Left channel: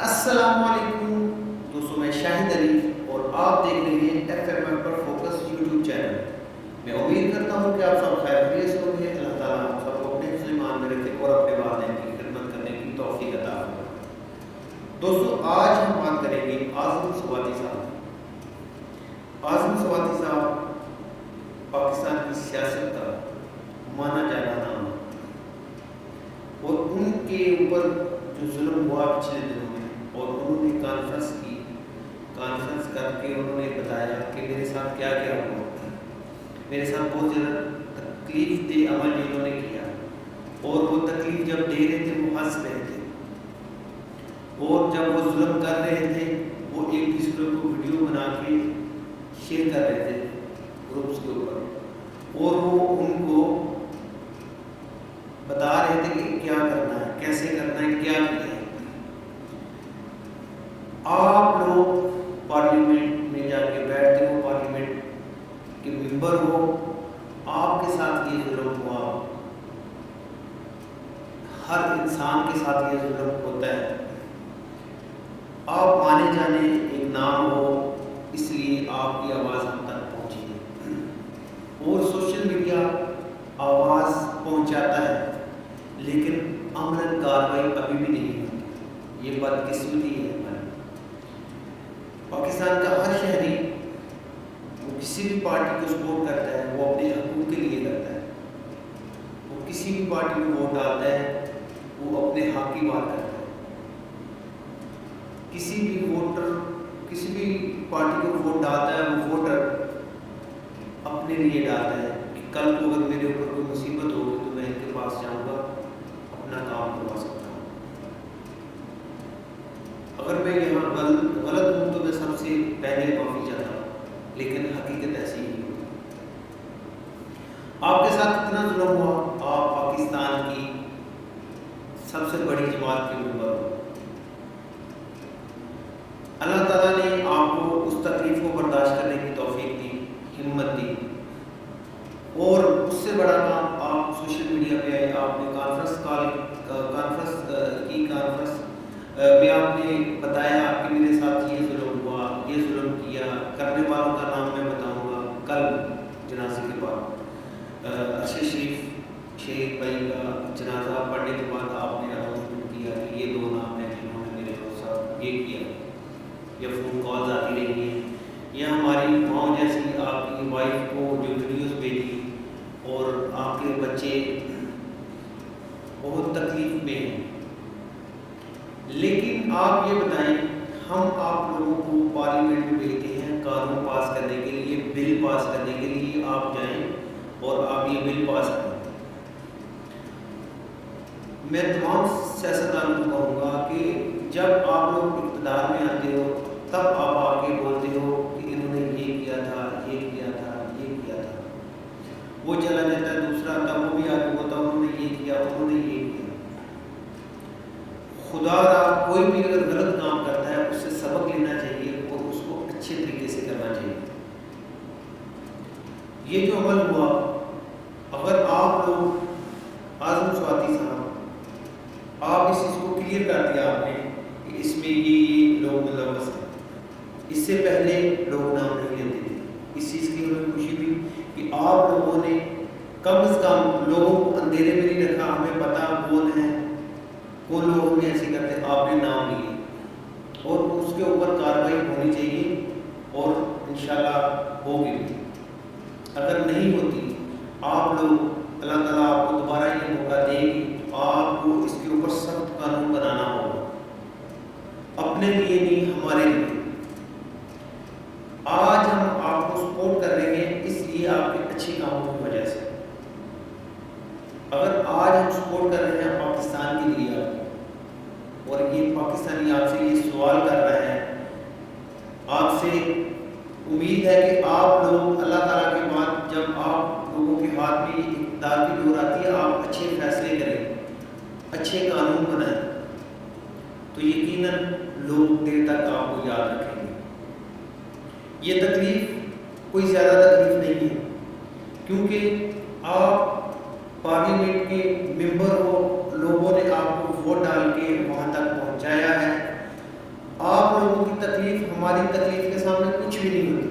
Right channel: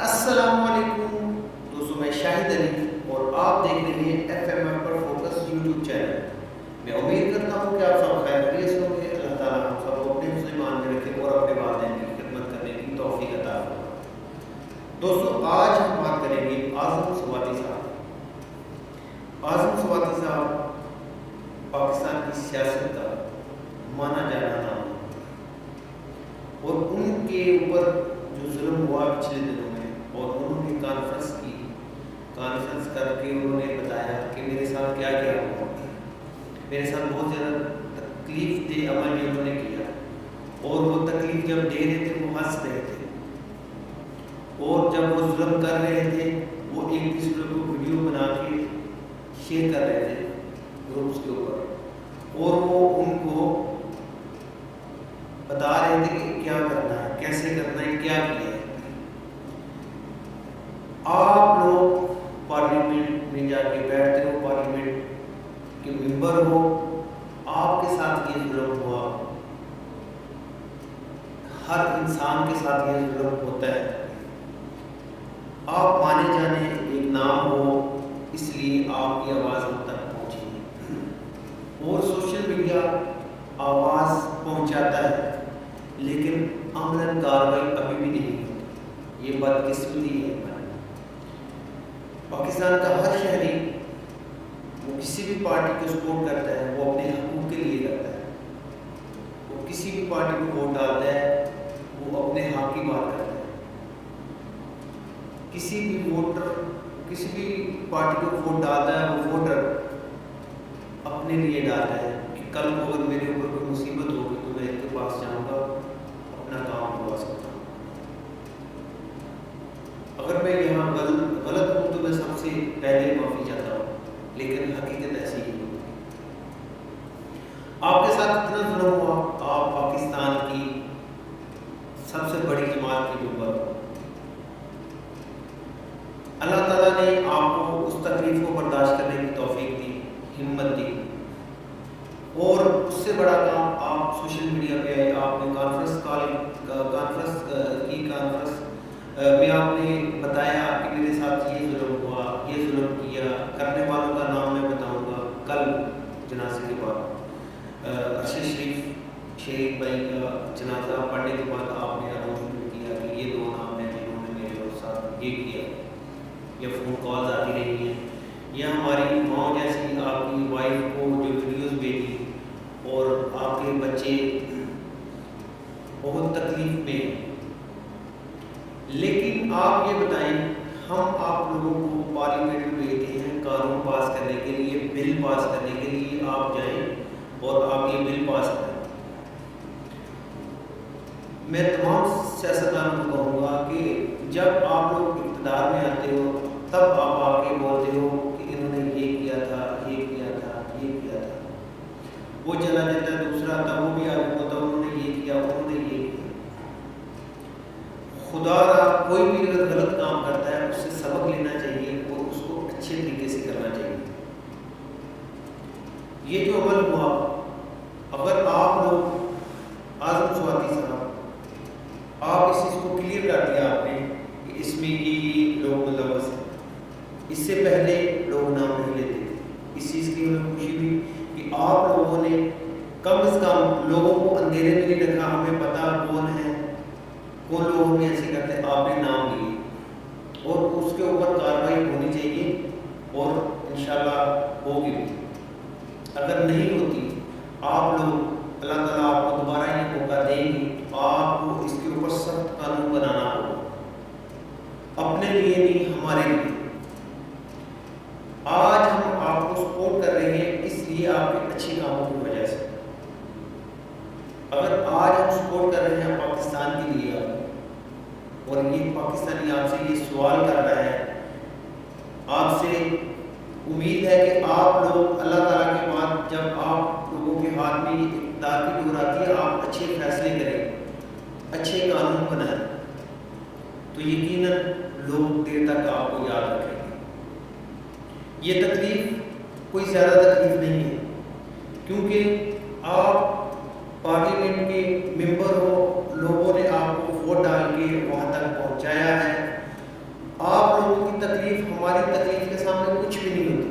السلام علیکم دوستوں، میں شاہد علی اور آپ دیکھ رہے ہیں ایف ایم ایف پر فوکس یوٹیوب چینل۔ میں امید کرتا ہوں کہ آپ سب خیر خیریت سے ہوں گے۔ اللہ تعالیٰ ہم سب کو اپنے حفظ ایمان میں رکھے اور اپنے والدین کی خدمت کرنے کی توفیق عطا فرمائے۔ دوستوں، آج ہم بات کریں گے اعظم سواتی صاحب۔ اعظم سواتی صاحب پاکستان کی سیاست کا مانا جانا نام ہے، اور ان کے اوپر جو ظلم ہوا پچھلے دنوں میں، اور انہوں نے کانفرنس کر کے انہوں نے بتایا کہ میرے ساتھ کیا کیا ہوا۔ میرے ساتھ بہت زیادہ تکلیف دہ عمل جو انہوں نے کیا، اور وہ تکلیف جب دے رہے تھے وہ ہنس رہے تھے، اور جب وہ ظلم کر رہے تھے وہ ایک دوسرے کو ویڈیو بنا کے شیئر کر رہے تھے گروپس کے اوپر، اور وہ ان کو بتا رہے تھے کہ کیا کرنا ہے، کیسے کرنا ہے، کیا کیا ہے۔ آپ لوگ پارلیمنٹ میں جا کے بیٹھتے ہو، پارلیمنٹ کے ممبر ہو، آپ کے ساتھ یہ ظلم ہوا، ہر انسان کے ساتھ یہ ظلم ہوتا ہے۔ آپ مانے جانے ایک نام ہو، اس لیے آپ کی آواز ہم تک پہنچی ہے، اور سوشل میڈیا آواز پہنچاتا ہے، لیکن عملاً کارروائی ابھی بھی نہیں ہوتی۔ یہ بدقسمتی ہے ہماری۔ پاکستان کا ہر شہری وہ کسی بھی پارٹی کو سپورٹ کرتا ہے، وہ اپنے حقوق کے لیے کرتا ہے۔ وہ کسی بھی پارٹی کو ووٹ ڈالتا ہے، وہ اپنے حق کی بات کرتا ہے۔ کسی بھی پارٹی کو ووٹ ڈالتا ہے، وہ ووٹر اپنے لیے ڈالتا ہے کہ کل کو اگر میرے اوپر کوئی مصیبت ہوگی تو میں ان کے پاس جاؤں گا، اپنا کام کروا سکتا ہوں۔ اگر میں یہاں غلط ہوں تو میں سب سے پہلے معافی چاہتا ہوں، لیکن حقیقت ایسی ہی ہوتی ہے۔ آپ کے ساتھ اتنا ظلم ہوا، آپ پاکستان کی سب سے بڑی جماعت کے ممبر ہو۔ اللہ تعالیٰ نے آپ کو اس تکلیف کو برداشت کرنے کی توفیق دی، ہمت دی، اور اس سے بڑا کام آپ سوشل میڈیا پہ آئے، آپ نے کانفرنس میں آپ نے بتایا کہ میرے ساتھ یہ ظلم ہوا، یہ ظلم کیا، کرنے والوں کا نام میں بتاؤں گا کل جنازے کے بعد۔ ارشد شریف شہید بھائی کا جنازہ پڑھنے کے بعد آپ نے اناؤنسمنٹ کیا کہ یہ 2 نام ہیں جنہوں نے میرے ساتھ یہ کیا، یا فون کالز آتی رہی ہیں، یا ہماری ماں جیسی آپ کی وائف کو جو ویڈیوز بھیجی، اور آپ کے بچے بہت تکلیف میں ہیں۔ لیکن آپ یہ بتائیں، ہم آپ لوگوں کو پارلیمنٹ میں بھیجتے ہیں قانون پاس کرنے کے لیے، بل پاس کرنے کے لیے، آپ جائیں اور آپ یہ بل پاس کریں۔ میں تمام سیاستدانوں کو کہوں گا کہ جب آپ لوگ اقتدار میں آتے ہو تب آپ آ کے بولتے ہو کہ انہوں نے یہ کیا تھا، یہ کیا تھا، یہ کیا تھا۔ وہ چلا جاتا ہے، دوسرا آتا، وہ بھی آگے ہوتا، انہوں نے یہ کیا، انہوں نے یہ کیا۔ خدا را کوئی بھی اگر غلط کام کرتا ہے اس سے سبق لینا چاہیے اور اس کو اچھے طریقے سے کرنا چاہیے۔ یہ جو عمل ہوا، اگر آپ لوگ اعظم سواتی صاحب، آپ اس چیز کو کلیئر کر دیا آپ نے کہ اس میں یہ لوگ ملوث ہیں، اس سے پہلے لوگ نام نہیں لیتے تھے۔ اس چیز کی ہمیں خوشی ہوئی کہ آپ لوگوں نے کم از کم لوگوں کو اندھیرے میں نہیں رکھا، ہمیں پتہ کون ہے، کون لوگ ہمیں ایسے کرتے ہیں، آپ نے نام لیے، اور اس کے اوپر کارروائی ہونی چاہیے، اور انشاءاللہ ہوگی بھی۔ اگر نہیں ہوتی، آپ لوگ، اللہ تعالیٰ آپ کو دوبارہ یہ موقع دیں گے تو آپ کو اس کے اوپر سخت قانون بنانا ہوگا، اپنے لیے نہیں، ہمارے لیے۔ آج ہم آپ کو سپورٹ کر رہے ہیں اس لیے آپ کے اچھے کاموں کی وجہ سے۔ اگر آج ہم سپورٹ کر رہے ہیں پاکستان کے لیے آپ کو، اور یہ پاکستانی آپ سے یہ سوال کر رہا ہے، آپ سے امید ہے کہ آپ لوگ اللہ تعالیٰ کے بعد جب آپ لوگوں کے ہاتھ میں اقتدار کی ڈور آتی ہے، آپ اچھے فیصلے کریں، اچھے قانون بنائیں، تو یقیناً لوگ دیر تک آپ کو یاد رکھیں گے۔ یہ تکلیف کوئی زیادہ تکلیف نہیں ہے، کیونکہ آپ پارلیمنٹ کے ممبر ہو، لوگوں نے آپ کو ووٹ ڈال کے وہاں تک پہنچایا ہے، हमारी तकलीफ़ के सामने कुछ भी नहीं होती,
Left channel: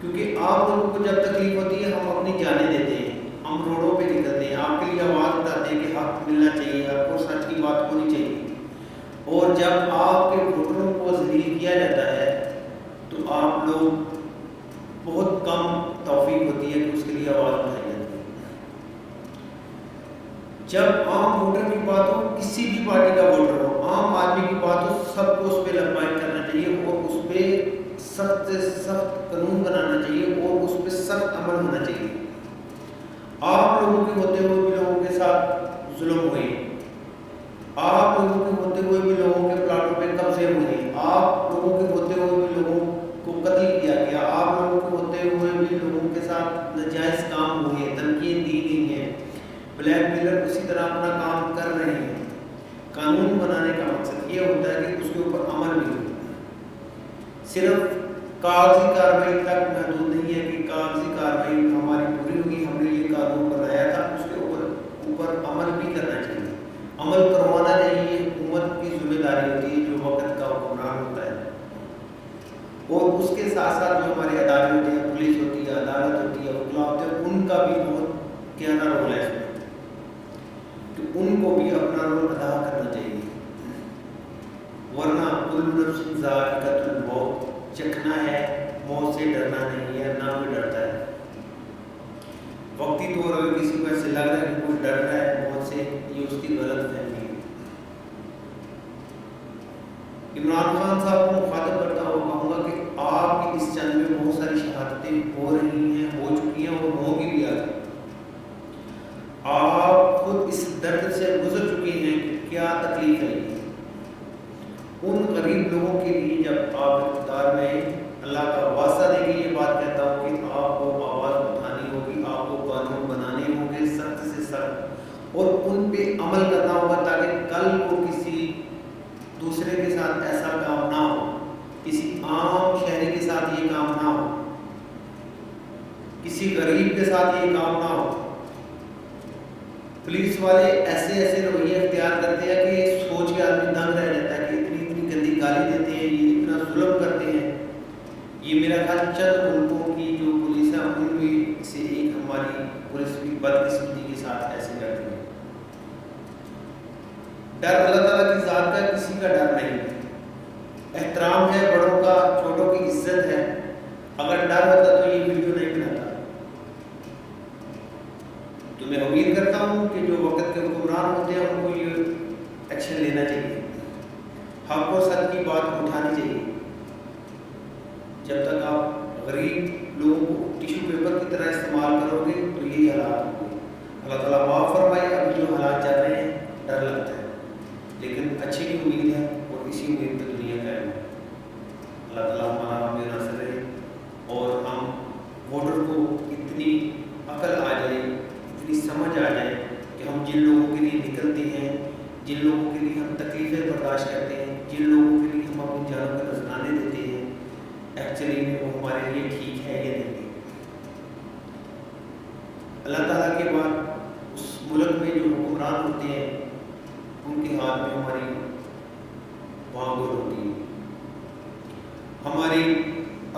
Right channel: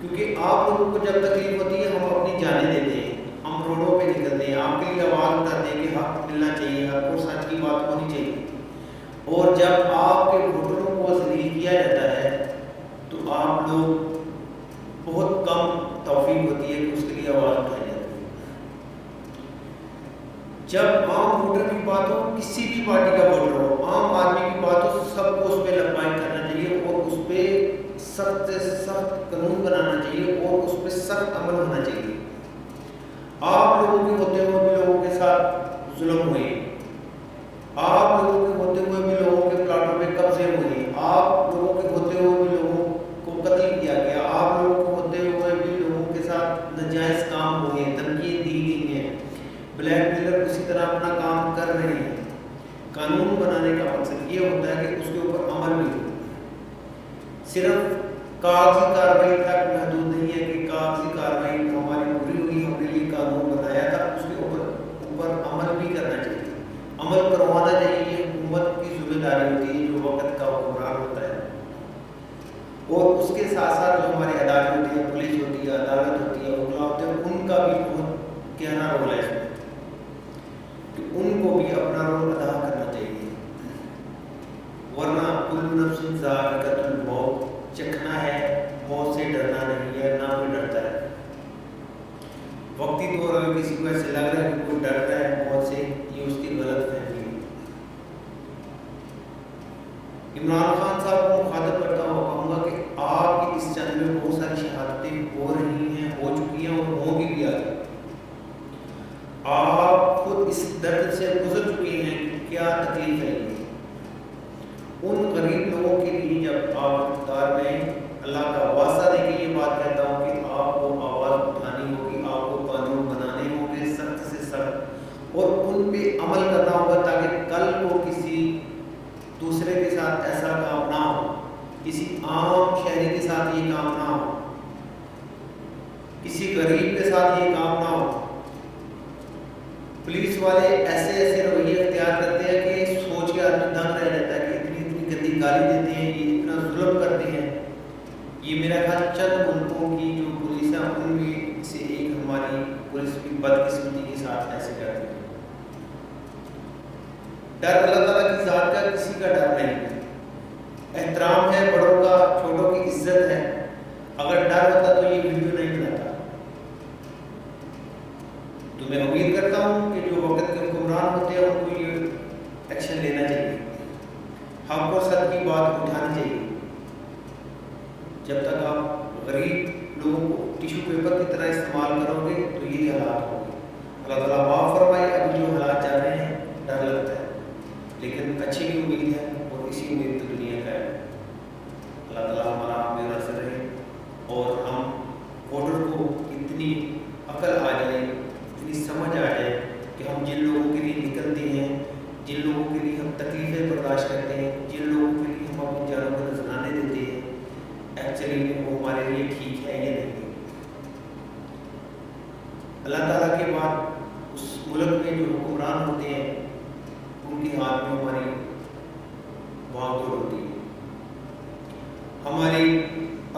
क्योंकि आप लोगों को जब तकलीफ़ होती है हम अपनी जानें देते हैं, हम रोडों पे निकलते हैं, आपके लिए आवाज़ उठाते हैं कि हक मिलना चाहिए, हक और सच की बात होनी चाहिए। और जब आपके वोटरों को ज़लील किया जाता है तो आप लोग बहुत कम तौफीक होती है कि उसके लिए आवाज़ उठाई जाती है। जब आम वोटर की बात हो, किसी भी पार्टी का वोटर हो, आम आदमी की बात हो, सबको उस पर लब्बाइक करना चाहिए और उस पर सख्त से सख्त कानून बनाना चाहिए और उस पर सख्त अमल होना चाहिए। आप लोगों के होते हुए भी लोगों के साथ जुल्म हुए, आप लोगों के होते हुए भी लोगों के प्लाटों पे कब्जे हुए, आप लोगों के होते हुए भी लोगों को कत्ल किया गया, आप लोगों के होते हुए भी लोगों के साथ नाजायज़ काम हुए, धमकियाँ दी गई हैं, ब्लैकमेलर उसी तरह अपना काम कर रहे हैं। कानून बनाने का मकसद ये होता है कि उसके ऊपर अमल भी हो। सिर्फ कागजी कार्रवाई तक महदूद नहीं है कि कागजी कार्रवाई हमारी पूरी होगी, हमने ये कानून बनाया था, उसके ऊपर अमल भी करना चाहिए, अमल करवाना चाहिए। ये हुकूमत की जिम्मेदारी होती है जो वक्त का हुक्मरान होता है। और उसके साथ साथ जो हमारे अदालत होती है, पुलिस होती है, अदालत होती है, वकला होते हैं, उनका भी बहुत गहरा रोल है इसमें, कि उनको भी अपना रोल अदा करना चाहिए। वरना कुल्लु नफ्सिन ज़ाइक़ातुल मौत, चखना है, मौत से डरना नहीं है, ना कोई डरता है। वक्ती तौर अगर किसी को ऐसे लग रहा है कि कोई डर रहा है मौत से, ये उसकी गलत फहमी है। इमरान खान साहब को मुखातब करता हुआ कहूँगा कि आपकी इस जंग में बहुत सारी शहादतें हो रही हैं, हो चुकी हैं और होंगी भी आगे। आप खुद इस दर्द से गुजर चुके हैं कि क्या तकलीफ है ये। उन गरीब लोगों के लिए जब आप इक़्तिदार में, अल्लाह का वास्ता देके ये बात कहता हूँ कि आपको आवाज़ उठानी होगी, आपको कानून बनाने होंगे सख्त से सख्त, और उन पे अमल करना होगा ताकि कल को किसी दूसरे के साथ ऐसा काम ना हो, किसी आम शहरी के साथ ये काम ना हो, किसी गरीब के साथ ये काम ना हो। पुलिस वाले ऐसे ऐसे रवैये अख्तियार करते हैं कि सोच के आदमी दंग रह जाता है कि इतनी इतनी गंदी गाली देते हैं, ये इतना जुल्म करते हैं। ये मेरा ख्याल चंद मुल्कों की जो पुलिस है उनमें से एक हमारी पुलिस भी बदकिस्मती के साथ ऐसे करती है। डर अल्लाह ताला की ज़ात का किसी का डर नहीं है, एहतराम है बड़ों का, छोटों की इज्जत है। अगर डर होता तो ये वीडियो नहीं बनाता। तो मैं उम्मीद करता हूँ कि जो वक्त के हुक्मरान होते हैं उनको ये एक्शन लेना चाहिए, हक और सच की बात उठानी चाहिए। जब तक आप गरीब लोगों को टिश्यू पेपर की तरह इस्तेमाल करोगे तो यही हालात होंगे। अल्लाह ताला माफ़ फरमाए। अभी जो हालात चल रहे हैं डर लगता है, लेकिन अच्छी भी उम्मीद है और इसी उम्मीद पर दुनिया का है। अल्लाह ताला हमारा हमें नासिर रहे और हम वोटर को इतनी अकल आ जाए, इतनी समझ आ जाए कि हम जिन लोगों के लिए निकलते हैं, जिन लोगों के लिए हम तकलीफ़ें बर्दाश्त करते हैं, जिन लोगों के लिए हम अपनी जानों को नजराने देते हैं, एक्चुअली में वो हमारे लिए ठीक है या नहीं। अल्लाह ताला के बाद उस मुल्क में जो हुक्मरान होते हैं उनके हाथ में हमारी भागदौड़ होती है, हमारी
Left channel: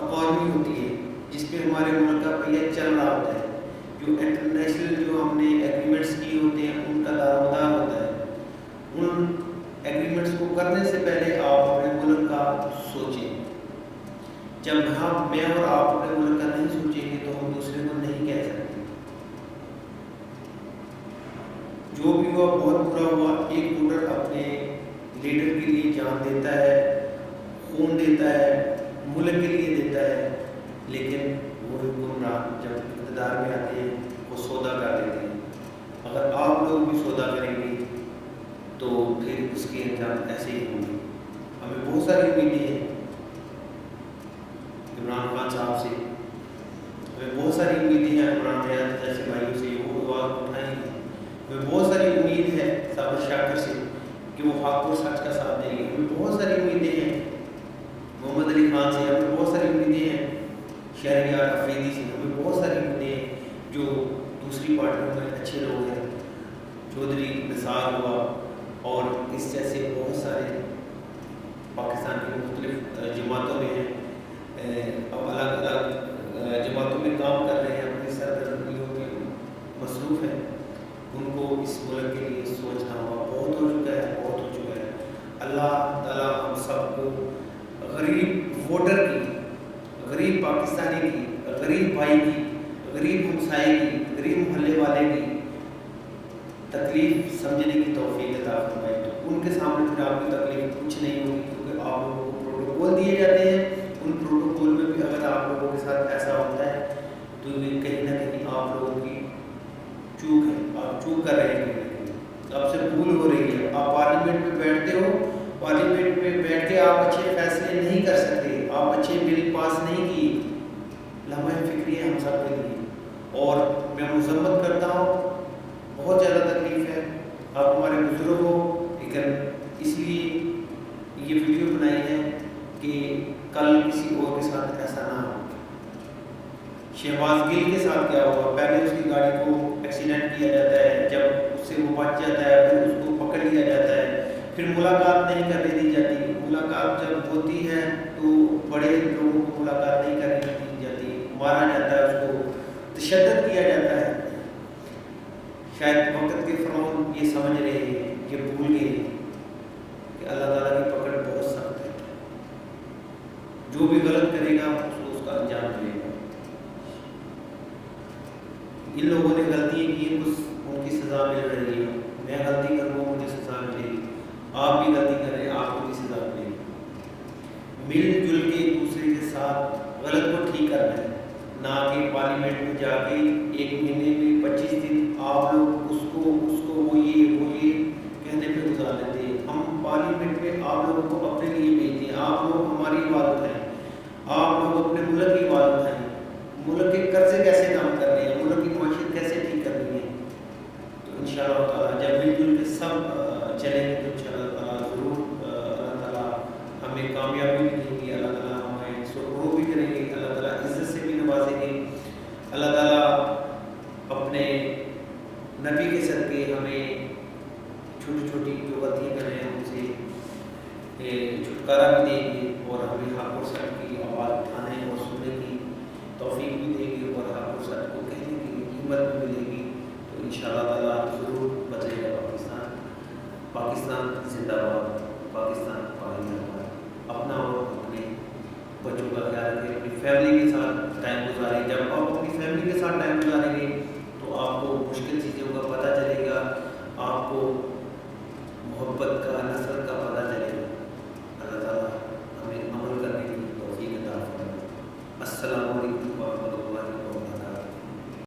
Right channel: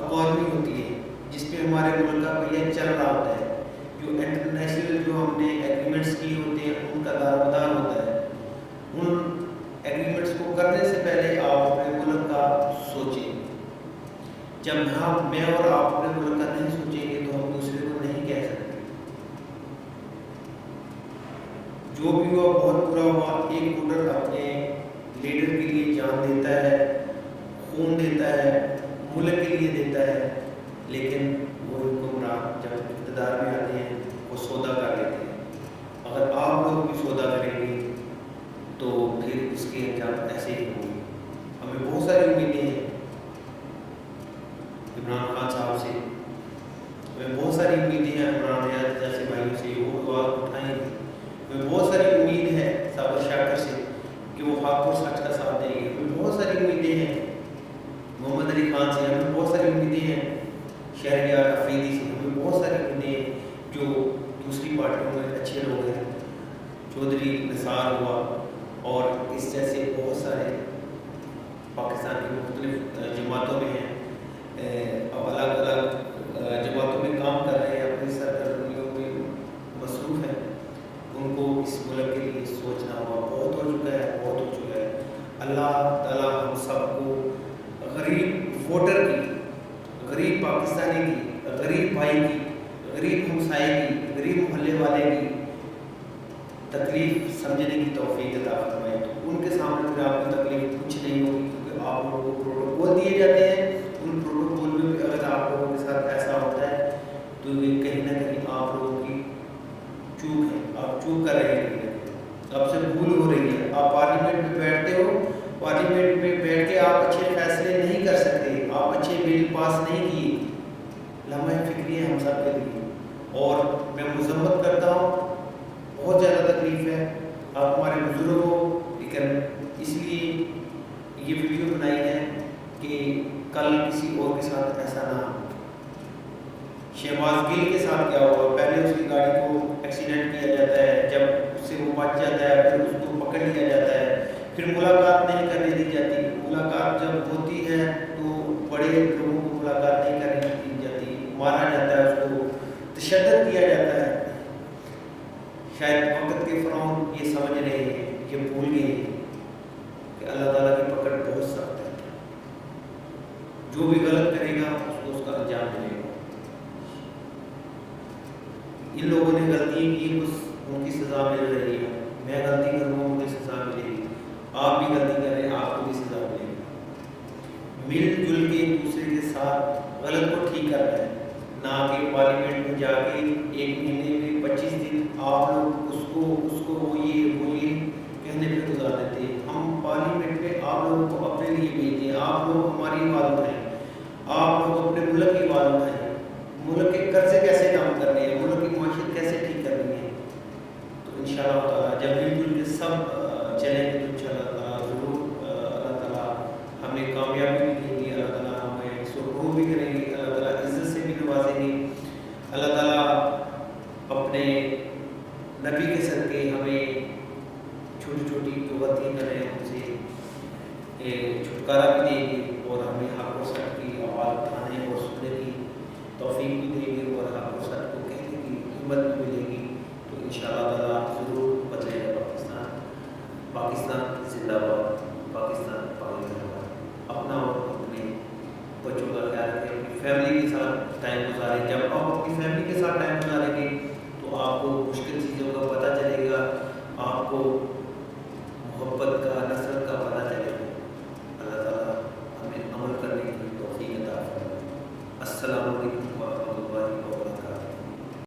इकॉनमी होती है जिसमें हमारे मुल्क का पहिया चल रहा होता है, जो इंटरनेशनल जो हमने एग्रीमेंट्स किए होते हैं उनका दारोमदार होता है। उन एग्रीमेंट्स को करने से पहले आप अपने मुल्क का सोचें। जब मैं और आप अपने मुल्क का नहीं सोचेंगे तो हम दूसरे को नहीं कह सकते। जो भी हुआ बहुत बुरा हुआ। एक वोटर अपने लीडर के लिए जान देता है, खून देता है, मुल्क के लिए देता है, लेकिन वो हुक्मरान जब इक़्तिदार में आते हैं वो सौदा कर लेते हैं। अगर आप लोग भी सौदा करेंगे तो फिर उसके अंजाम ऐसे ही होंगे। हमें बहुत सारी उम्मीदें हैं इमरान खान साहब से, हमें बहुत सारी उम्मीदें हैं इमरान रियाज जैसे भाइयों से, वो आवाज़ उठाएंगे। हमें बहुत सारी उम्मीद है साबर शाकर से कि वो हक और सच का साथ देंगे। हमें बहुत सारी उम्मीदें हैं मोहम्मद अली खान से, हमें बहुत सारी उम्मीदें हैं शहरियार अफरीदी से, हमें बहुत सारी उम्मीदें हैं जो दूसरी पार्टियों में अच्छे लोग हैं, चौधरी निसार हुआ और इस जैसे बहुत सारे पाकिस्तान के मुख्तलिफ जमातों में हैं, अब अलग अलग जमातों में काम कर रहे हैं, अपनी सरगर्मियों में मसरूफ़ हैं, उनको इस मुल्क के लिए सोचना होगा। बहुत हो चुका है, बहुत हो चुका है। अल्लाह ताला हम सबको गरीब वोटर की, गरीब पाकिस्तानी की, गरीब भाई की, गरीब हमसाए की, गरीब मोहल्ले वाले की तकलीफ़ समझने की तौफीक अता फरमाए। तो उनके सामने फिर आपकी तकलीफ़ कुछ नहीं होगी, क्योंकि आप लोगों को प्रोटोकॉल दिए जाते हैं। उन प्रोटोकॉल में भी अगर आप लोगों के साथ ऐसा होता है तो ये कहीं ना कहीं आप लोगों की चूक है, आप चूक कर रहे हैं, कहीं ना कहीं आपसे भूल हो रही है। आप पार्लियामेंट में बैठते हो, पार्लियामेंट में बैठ के आप अच्छे फैसले नहीं कर सकते, आप अच्छे बिल पास नहीं किए। लम्हा फ़िक्री है हम सब के लिए, और मैं मज़म्मत करता हूँ, बहुत ज़्यादा तकलीफ़ है, आप हमारे बुज़ुर्ग हो, लेकिन इसलिए ये वीडियो बनाई है कि कल किसी और के साथ ऐसा ना हो। शहबाज गिल के साथ क्या हुआ, पहले उसकी गाड़ी को एक्सीडेंट किया जाता है, जब उससे वो बच जाता है फिर उसको पकड़ लिया जाता है, फिर मुलाकात नहीं करने दी जाती। मुलाकात जब होती है तो बड़े लोगों को मुलाकात नहीं करने दी जाती, मारा जाता है, उसको तशद्दुद किया जाता है। शायद वक़्त के फ़िरौन ये समझ रहे हैं, ये भूल गए हैं कि अल्लाह ताला की पकड़ बहुत सख्त है, जो भी गलत करेगा उसको उसका अंजाम मिलेगा। इन लोगों ने गलतियाँ की, उनकी सज़ा मिल रही है, मैं गलती करूँगा मुझे सज़ा मिलेगी, आप भी गलती कर रहे हैं आपको भी सज़ा मिलेगी। मिलजुल के एक दूसरे के साथ गलत को ठीक करना है, ना कि पार्लियामेंट में जाके 1 महीने में 25 दिन आप लोग उसको वो ये कहने पे गुजार देते हैं। हम पार्लियामेंट में आप लोगों को अपने लिए भेजते हैं, आप लोग हमारी आवाज़ उठाएं, आप लोग अपने मुल्क की आवाज़ उठाएं, मुल्क के कर्जे कैसे कम करने हैं, मुल्क की माशियत कैसे ठीक करनी है। तो इंशाअल्लाह ताला जब मिलजुल के सब चलेंगे तो इंशाअल्लाह ताला ज़रूर अल्लाह ताला हमें कामयाबी भी देंगे, अल्लाह ताला हमें सुरखरू भी करेंगे, अल्लाह ताला इज़्ज़त से भी नवाजेंगे। अल्लाह ताला अपने नबी के सदक़े हमें छोटी छोटी जो गलतियाँ कर रहे हैं उनसे छुटकारा भी देंगे, और हमें हक़ और सच की आवाज़ उठाने और सुनने की तौफ़ीक भी देंगे, और हक़ और सच को कहने की हिम्मत भी मिलेगी। तो इंशाअल्लाह ताला ज़रूर बदलेगा पाकिस्तान। पाकिस्तान ज़िंदाबाद, पाकिस्तान पाकिस्तान। अपना और अपने बच्चों का ख्याल रखें, अपनी फैमिली के साथ टाइम गुजारें। जब आप अपनी फैमिली के साथ टाइम गुजारेंगे तो आपको मुश्किल चीज़ों का पता चलेगा, आपको मोहब्बत का, नफ़रत का पता चलेगा। अल्लाह ताला हमें अमल करने की तौफ़ीक अता फरमाए। अस्सलामु अलैकुम।